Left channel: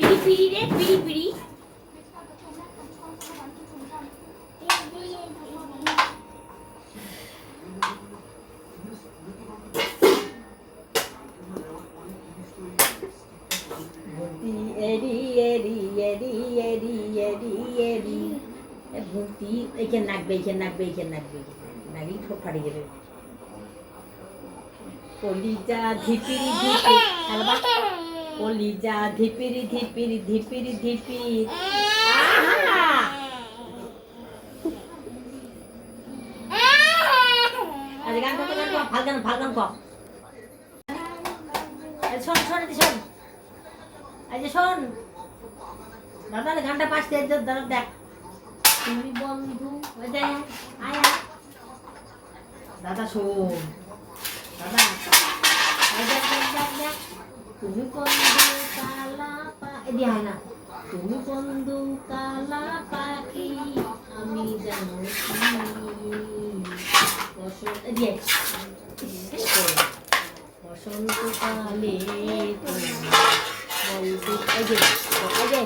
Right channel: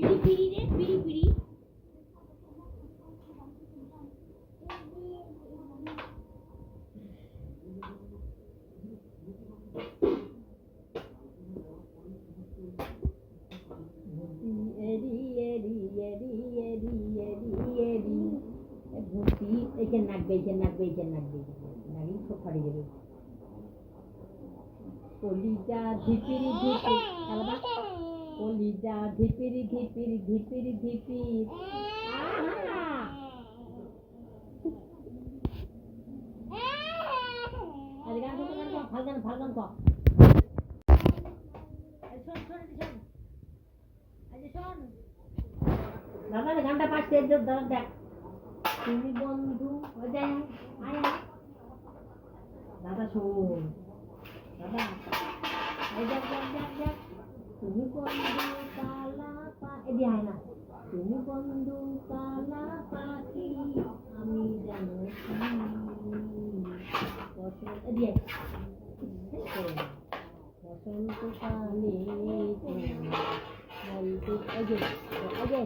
পিড়ি পিড়ি রে পিড়ি পিড়ি ভূতি এরি এরি এরি এরি এরি এরি। এ নাকবে এইখানে নাকবে এইখানে নাকবে নাকি ঠোঁট ফাটি যাবে কলিজা ধিপিরি ধিপি খেলবা কলিজা ধিপিরি ধিপিরি ধিপিরি ধিপির আরে শোন এদিকে শোন। দাদা দাদা দেখ। তুমি বন্ধু দাদা, শোন। দাদা দেখ দেখ দেখ দেখ। তুমি বন্ধু কালা পা এদি হয় না তুমি বন্ধু কালা পাখি আমি জানো বসন্ত শোন। বসন্তকালে বলতে এই যে এই যে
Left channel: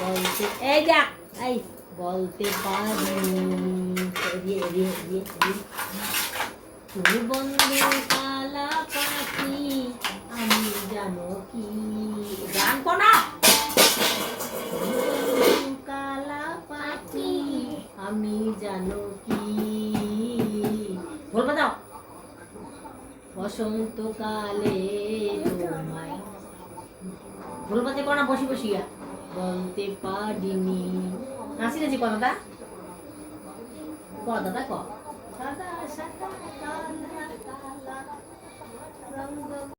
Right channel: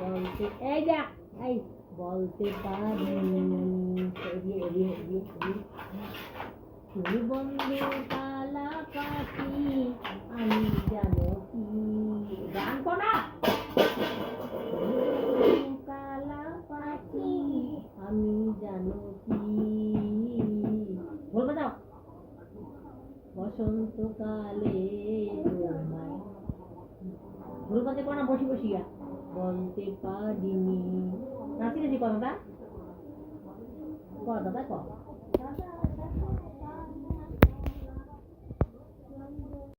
বলতে এই যা এই, বলতে পারি এদিকে এদিকে তুমি বন্ধু কালা পাখি আমি জানো কি? গান কোনা আমি জানো কি? বলবে দাও। বসন্তকালে তোমায় ভুলবাতে কোনা বসি বসিয়া বলতে পারিনি। নাচি নাচি কথাটা? ক দাদা ক? দাদা সাদা